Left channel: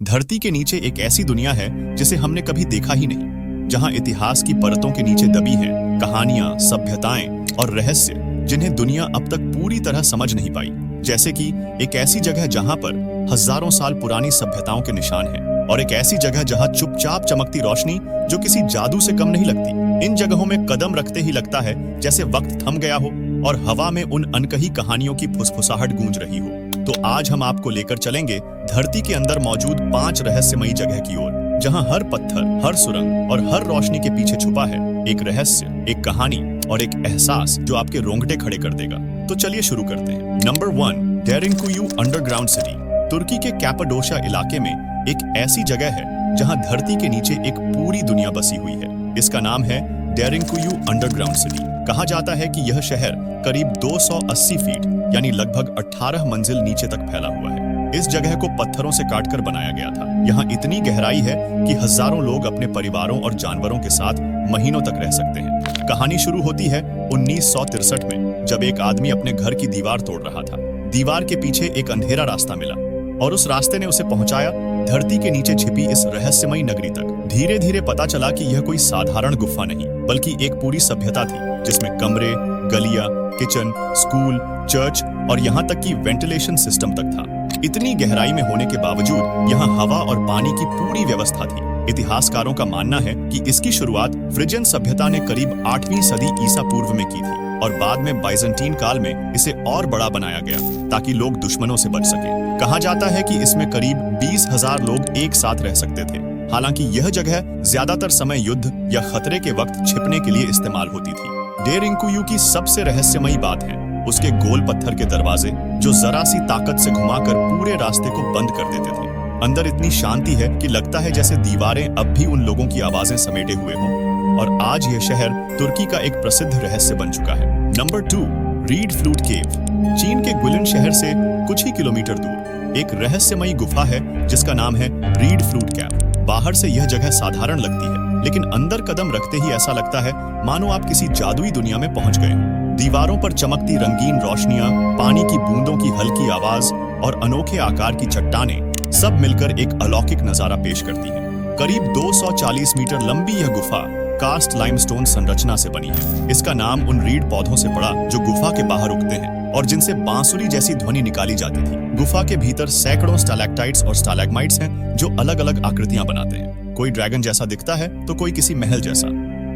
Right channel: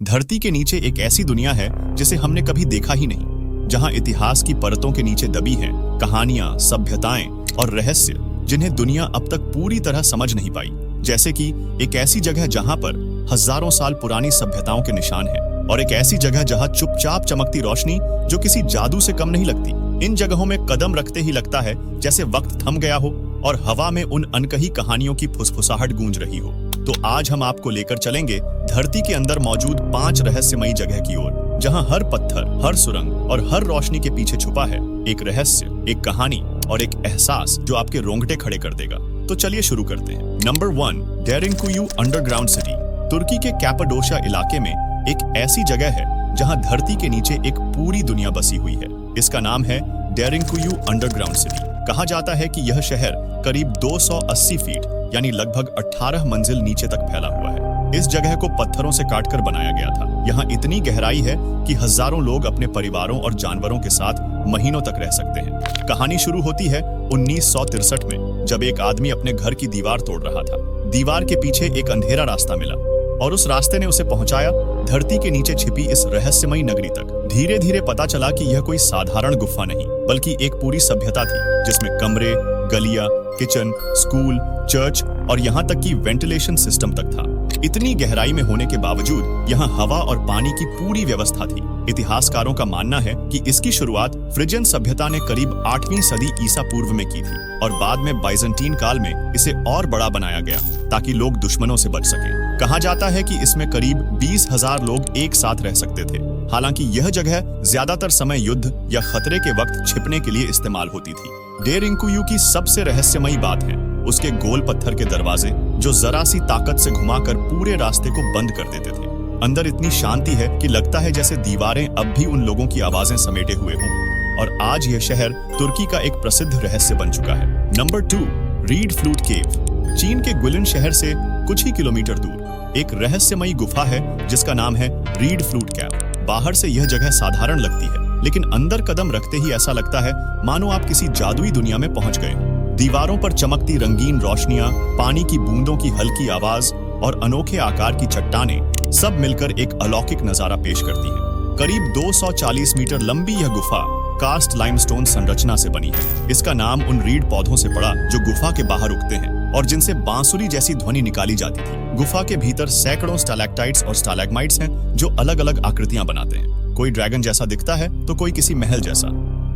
धरती के नीचे एक ऐसी दुनिया है जिसे हमने कभी देखा ही नहीं, जहां इतिहास की परतों के नीचे दबी हैं कहानियां, सभ्यताएं और रहस्य जिन्हें दुनिया अब तक पूरी तरह समझ नहीं पाई। जैसे कि एक ऐसी जगह जहां पर हजारों साल पुरानी सभ्यताओं के निशान हैं, और एक ऐसी जगह जहां चुपचाप चमकती रोशनी जो किसी जादू से कम नहीं लगती। इन जगहों में कदम रखते ही लगता है जैसे वक्त थम गया हो और हवा में उन अनकही कहानियों की फुसफुसाहट गूंज रही हो। तो आज हम आपको लेकर चलेंगे धरती के अंदर मौजूद 5 रहस्यमयी जगह की ओर, जहां हर पत्थर, हर सुरंग और हर रोशनी के पीछे छुपा है एक रहस्य, एक कहानी और एक एहसास जो आपके रोंगटे खड़े कर देगा। तो चलिए शुरू करते हैं। Number 1, Derinkuyu underground city. तुर्की के कैपाडोशिया इलाके में एक ऐसी जगह है जहां धरती के नीचे एक पूरी दुनिया बसी हुई है। इसका नाम है डेरिंकुयू अंडरग्राउंड सिटी। कहा जाता है कि यह शहर करीब 280 फीट यानी लगभग 18 मंजिल नीचे तक फैला हुआ है। इस जगह को पत्थरों से काटकर बनाया गया था। यहाँ इतनी गहराई है कि हजारों लोग अपने परिवारों और जानवरों के साथ महीनों तक रह सकते हैं। कहानी शुरू होती है 1963 में, जब एक आदमी अपने घर की दीवार तोड़ रहा था। दीवार के पीछे एक अंधेरा रास्ता मिला और उस रास्ते ने उसे पहुंचाया धरती के नीचे छिपी इस रहस्यमयी नगरी तक। धीरे धीरे पता चला कि यह कोई साधारण गुफा नहीं, बल्कि एक पूरी सभ्यता थी जिसमें कमरे, गलियां, किचन, स्कूल, चर्च और यहाँ तक कि वेंटिलेशन सिस्टम तक था। इतनी गहराई में होने के बावजूद यहाँ हवा और पानी की पूरी व्यवस्था थी। इतिहासकारों का मानना है कि इसकी शुरुआत फ्रिजियन सभ्यता ने करीब 8वीं सदी ईसा पूर्व में की थी और बाद में बाइजेंटीन काल में इसे और बड़ा बनाया गया ताकि लोग दुश्मनों से बच सके। कहा जाता है कि इसमें करीब 20,000 लोग एक साथ रह सकते थे। हालांकि यह जगह ज्यादातर समय युद्ध या खतरे के वक्त छिपने के लिए इस्तेमाल होती थी। डेरिंकुयू की सबसे रहस्यमयी बात है उसके गोल पत्थर के दरवाजे, जो जरा सी ताकत से घुमाकर पूरे रास्ते को बंद कर देते थे। अंदर इतनी शांति है कि लगता है जैसे दीवारें अब भी उन लोगों की आवाजें समेटे हुए हों। और आज यह शहर तुर्की का एक प्रसिद्ध रहस्य बन चुका है। नंबर 2, रीड फ्लूट केव। चीन के गुलिन शहर से कुछ ही किलोमीटर दूर एक रहस्यमयी गुफा है जिसका नाम है रीड फ्लूट केव। बाहर से यह जगह साधारण लगती है, लेकिन अंदर कदम रखते ही ऐसा लगता है मानो आप किसी जादुई दुनिया में पहुंच गए हैं। दीवारों पर चमकती रंगीन रोशनियां, पानी की बूंदों की हल्की आवाज और अनोखे आकार की चट्टानें सब मिलकर एक अलौकिक नजारा पेश करती हैं। करीब 240 मीटर लंबी यह गुफा कास्ट लाइमस्टोन संरचना से बनी है। इसका नाम उन रीड पौधों से पड़ा जो गुफा के बाहर उगते हैं और जिनसे बांसुरी जैसी ध्वनि निकाली जाती थी। गुफा के भीतर सैकड़ों स्टैलेक्टाइट्स और स्टैलेग्माइट्स हैं जो अलग अलग आकृतियां बनाते हैं। कोई ड्रैगन जैसा दिखता है तो कोई किसी महल जैसा।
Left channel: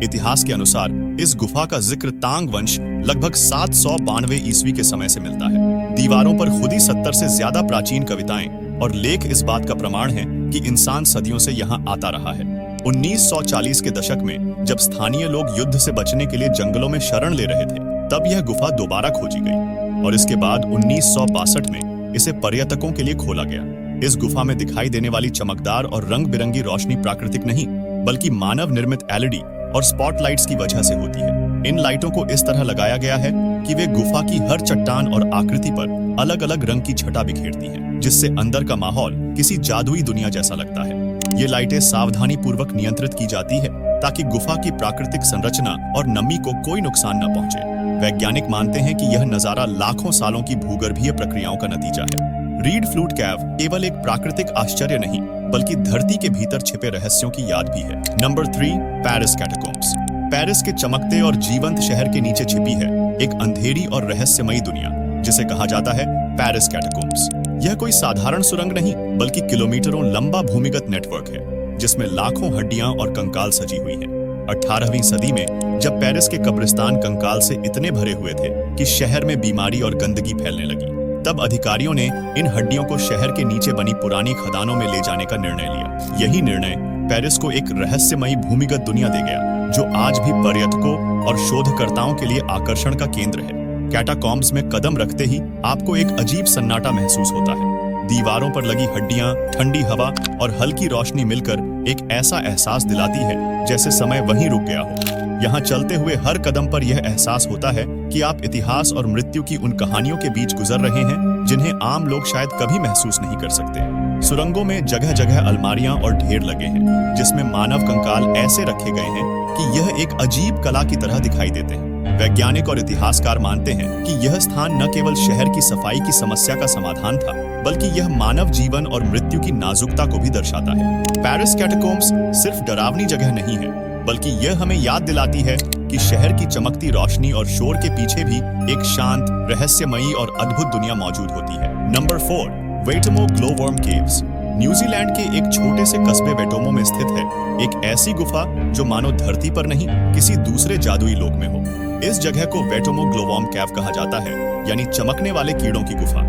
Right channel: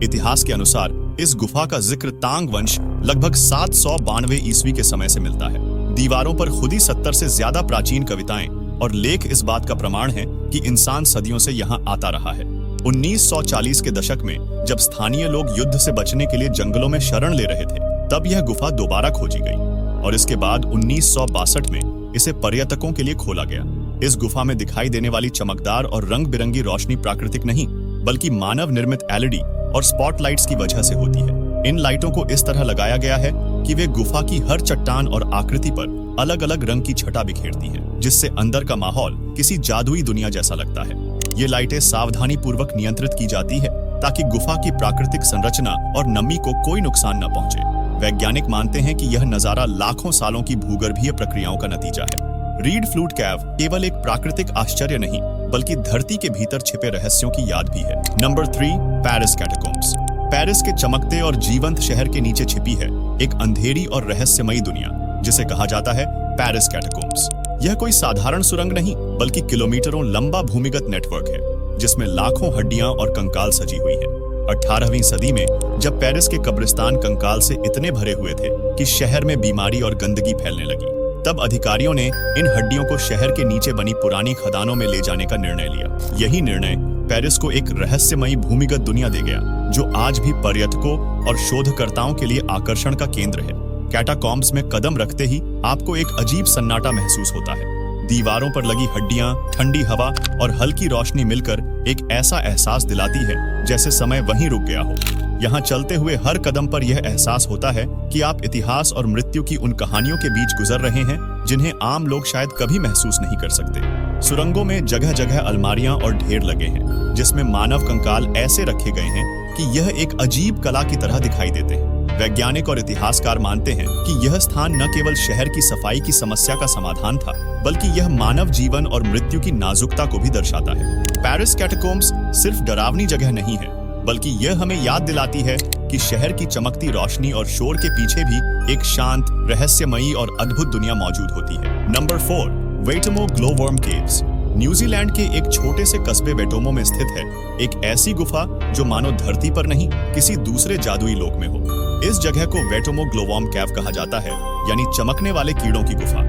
इतिहास के अनुसार इस गुफा का जिक्र तांग वंश लगभग 792 ईस्वी के समय से मिलता है। दीवारों पर खुदी 70 से ज्यादा प्राचीन कविताएं और लेख इस बात का प्रमाण है कि इंसान सदियों से यहाँ आता रहा है। 1940 के दशक में जब स्थानीय लोग युद्ध से बचने के लिए जंगलों में शरण ले रहे थे, तब यह गुफा दोबारा खोजी गई और इसके बाद 1962 में इसे पर्यटकों के लिए खोला गया। इस गुफा में दिखाई देने वाली चमकदार और रंग बिरंगी रोशनी प्राकृतिक नहीं, बल्कि मानव निर्मित एलईडी और स्पॉटलाइट्स की वजह से होती है। इन लाइटों को इस तरह लगाया गया है कि वे गुफा की हर चट्टान और आकृति पर अलग अलग रंग की छटा बिखेरती हैं, जिससे अंदर का माहौल किसी जादुई दुनिया जैसा लगता है। ये लाइटें सावधानी पूर्वक नियंत्रित की जाती है ताकि गुफा की प्राकृतिक संरचना और नमी को कोई नुकसान न पहुंचे। वैज्ञानिक मानते हैं कि यह नजारा लाखों सालों की भूगर्भीय प्रक्रियाओं का नतीजा है। रीड फ्लूट कैव केवल एक प्राकृतिक आश्चर्य नहीं, बल्कि धरती के भीतर छिपे रहस्यों की याद भी है। Number 3, Paris कैटाकॉम्ब्स। पेरिस के चमकते और जीवंत शहर के नीचे छिपी है एक अंधेरी और रहस्यमयी दुनिया, जिसे कहा जाता है पेरिस कैटाकॉम्ब्स। यह कोई साधारण सुरंग नहीं, बल्कि किलोमीटरों लंबा भूमिगत नेटवर्क है जिसमें लाखों हड्डियां और कंकाल सजी हुई हैं। 18वीं सदी में जब पेरिस के कब्रिस्तान कंकाल से इतने भरे हुए थे कि शहर में बीमारी और गंदगी फैलने लगी, तब अधिकारियों ने इन हड्डियों को शहर के नीचे बनी पुरानी खदानों में ले जाने का निर्णय लिया। यही निर्णय पेरिस को एक रहस्यमयी भूमिगत दुनिया दे गया, जो आज भी पर्यटकों और शोधकर्ताओं के लिए आकर्षण का केंद्र है। कैटाकॉम्ब्स में कदम रखते ही आपको एक अजीब सन्नाटा महसूस होता है। दीवारों पर लगी हड्डियां, ठंडी हवा और हल्की रोशनी मिलकर एक ऐसा एहसास दिलाती है जैसे समय वहीं रुक गया हो। यहाँ चलते हुए हर कदम पर यह एहसास होता है कि आप इतिहास और मृत्यु की उन कहानियों के बीच गुजर रहे हैं जिन्हें आम लोग शायद कभी महसूस नहीं कर सकते। सुरंगों में जगह जगह अलमारियां और ढेर लगे हैं जिसमें मानव कंकाल ऐसे रखे गए हैं कि यह एक अजीब कला की तरह दिखाई देते हैं। वैज्ञानिक और इतिहासकार मानते हैं कि यह स्थान न केवल शहर की सफाई की समस्या का समाधान था, बल्कि यह मानव जीवन और मृत्यु की नाजुकता को भी दर्शाता है। पेरिस कैटाकोम्ब्स सिर्फ डरावनी जगह नहीं है, बल्कि यह हमें याद दिलाती है कि शहर की चमकती रोशनी और शोर के पीछे भी एक शांत, रहस्यमयी और अद्भुत दुनिया मौजूद होती है। Number 4, वेटोमो glow-worm caves. न्यूजीलैंड के एक छोटे से कस्बे वेटोमो में स्थित है एक ऐसी गुफा जो मानो धरती पर नहीं, किसी दूसरे जादुई लोक में हो। इस जगह को वेटोमो ग्लोवर्म केव कहा जाता है, यानी चमकने वाले कीड़ों की गुफा।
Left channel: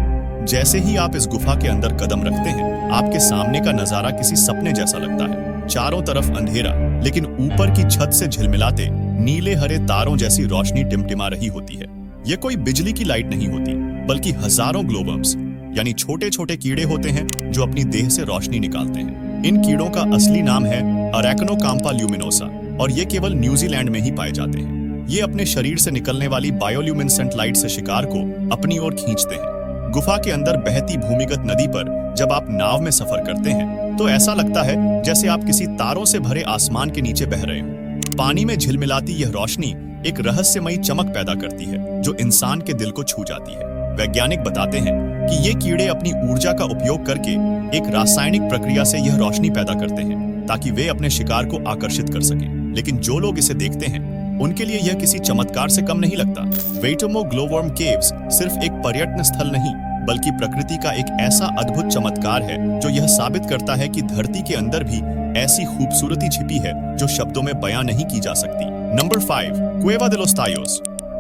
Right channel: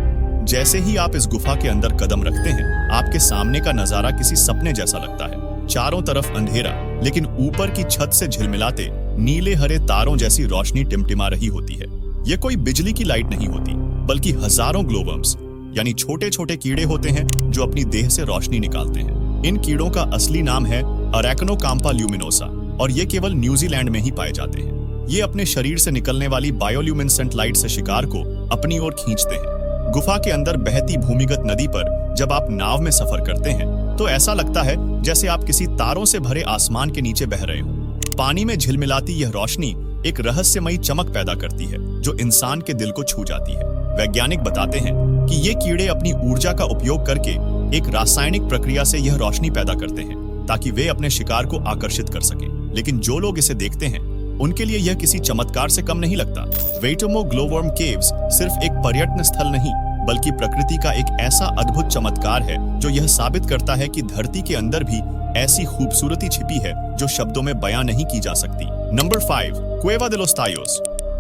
जैसे ही आप इस गुफा के अंदर कदम रखते हैं, आपके सामने का नजारा किसी सपने जैसा लगता है। चारों तरफ अंधेरा, लेकिन ऊपर की छत से झिलमिलाते नीले हरे तारों जैसी रोशनी टिमटिमा रही होती है। यह कोई बिजली की लाइट नहीं होती, बल्कि हजारों ग्लोवर्म्स यानी छोटे छोटे कीड़े होते हैं जो अपनी देह से रोशनी निकालते हैं। इन कीड़ों का असली नाम है अरेक्नोकाम्पा ल्यूमिनोसा और ये केवल न्यूजीलैंड में ही पाए जाते हैं। ये अपने शरीर से निकलने वाली बायोल्यूमिनेसेंट लाइट से शिकार को अपनी ओर खींचते हैं। गुफा के अंदर बहती भूमिगत नदी पर जब आप नाव में सफर करते हैं तो ऐसा लगता है जैसे आप किसी तारों से भरे आसमान के नीचे बह रहे हो। पानी में झिलमिलाती यह रोशनी एक रहस्यमयी चमक पैदा करती है जो इंसान के दिल को छू जाती है। वैज्ञानिक बताते हैं कि ये कीड़े अपनी ऊर्जा का उपयोग करके एक रासायनिक प्रक्रिया से यह रोशनी पैदा करते हैं ताकि वे अपने शिकार को आकर्षित कर सकें। लेकिन जो लोग इसे देखते हैं उनके लिए यह किसी चमत्कार से कम नहीं लगता। वेटोमो ग्लोवर्म केव्स सिर्फ एक पर्यटन स्थल नहीं, बल्कि प्रकृति का एक ऐसा अद्भुत चमत्कार है जो यह साबित करता है कि धरती के अंदर भी ऐसी खूबसूरती छिपी है जो शब्दों में बयां नहीं की जा सकती। Number 5, क्वेवा de los Tallos।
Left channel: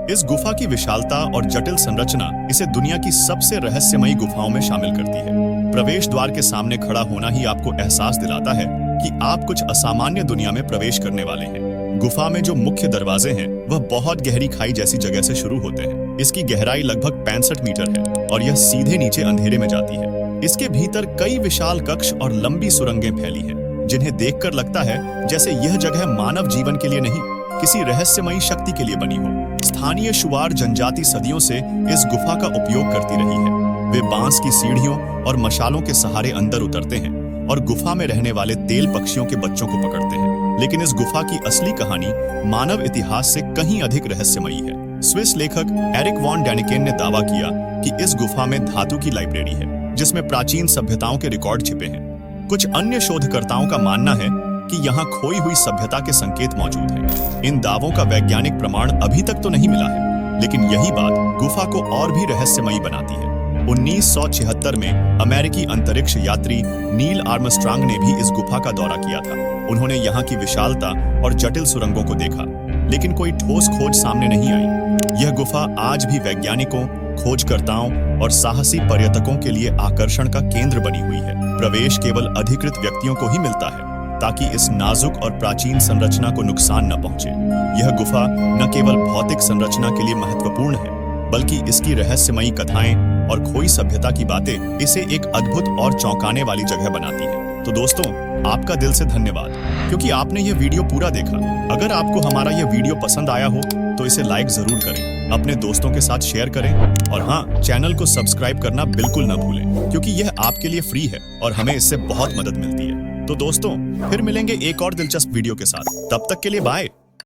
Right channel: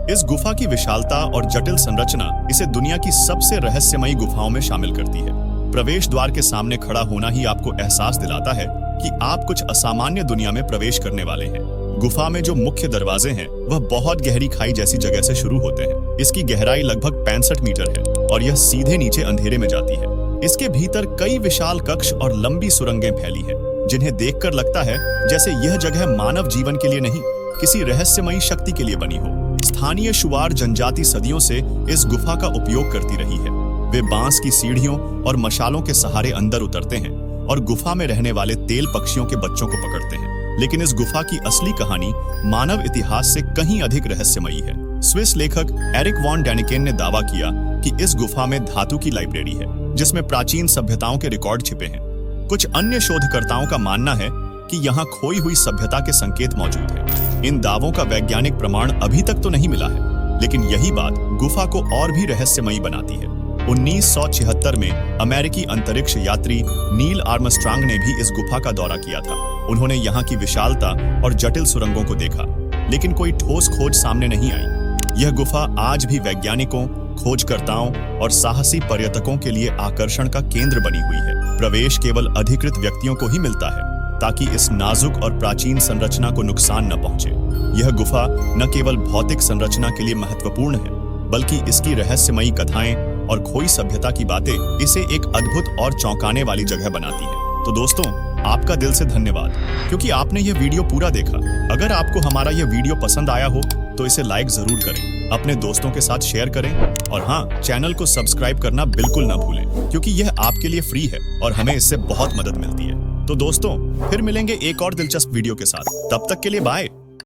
इस गुफा की विशालता और जटिल संरचना इसे दुनिया की सबसे रहस्यमयी गुफाओं में शामिल करती है। प्रवेश द्वार के सामने खड़ा होना ही आपको एहसास दिलाता है कि आप कुछ असामान्य दुनिया में प्रवेश करने वाले हैं। गुफा में जो मुख्य दरवाजे हैं वह बहुत गहरी खाई जैसी जगह से शुरू होते हैं। इसकी गहराई लगभग 65 मीटर है और यह सीधे नीचे अंधेरे में जाती है। इसके भीतर कई विशाल कक्ष और लंबी सुरंगें फैली हैं, जिन्हें देखकर लगता है जैसे यह जगह मानव जीवन के लिए नहीं, किसी रहस्यमयी शक्ति के लिए बनी हो। स्थानीय शुआर जनजाति सदियों से इस गुफा का उपयोग करती रही है। वे बांस की सीढ़ियों और मशालों के सहारे अंदर उतरते हैं और गुफा में रहने वाले तेल पक्षियों के बच्चों को पकड़ते हैं। लेकिन इस गुफा की असली कहानी मानव इतिहास से कहीं अधिक रहस्यमयी है। स्विस लेखक एरिक वॉन डैनिकेन ने दावा किया कि इस गुफा में धातु की लाइब्रेरी है, जिसमें प्राचीन सभ्यताओं के रिकॉर्ड छिपे हैं। कुछ अन्य शोधकर्ताओं का मानना है कि यहाँ खोई हुई सभ्यता के संकेत मौजूद हैं। इन दावों का वैज्ञानिक प्रमाण अभी तक तो नहीं मिला है, लेकिन यही बात गुफा को और भी रहस्यमयी बनाती है। 1976 में अमेरिकी अंतरिक्ष यात्री नील आर्मस्ट्रांग ने भी इस गुफा का दौरा किया था। उन्होंने यहाँ की विशालता और जटिल सुरंगों को देखा, लेकिन कोई ठोस खोज सामने नहीं आई। यह गुफा आज भी वैज्ञानिकों, खोजकर्ताओं और साहसी पर्यटकों के लिए आकर्षण का केंद्र बनी हुई है। प्रवेश केवल अधिकृत व्यक्तियों को ही मिलता है ताकि इस नाजुक और प्राचीन संरचना को नुकसान न पहुंचे। यह गुफा न केवल भौतिक संरचना के लिए महत्वपूर्ण है, बल्कि इसकी रहस्यमयी कथाएं और खोई सभ्यता की बातें इसे एक अद्भुत और चौंकाने वाली जगह बनाती है। तो दोस्तों, आपका दिल से धन्यवाद क्योंकि आपने यह वीडियो पूरा देखा। अगर आपको हमारा यह वीडियो पसंद आया हो तो इसे लाइक जरूर करें, अपने दोस्तों के साथ शेयर करें और हाँ, चैनल को सब्सक्राइब करना बिल्कुल न भूलें क्योंकि यह आपके लिए फ्री है और हमें इससे बहुत मदद मिलती है। तो दोस्तों, फिर मिलेंगे एक और दिलचस्प वीडियो के साथ। तब तक के लिए बाय।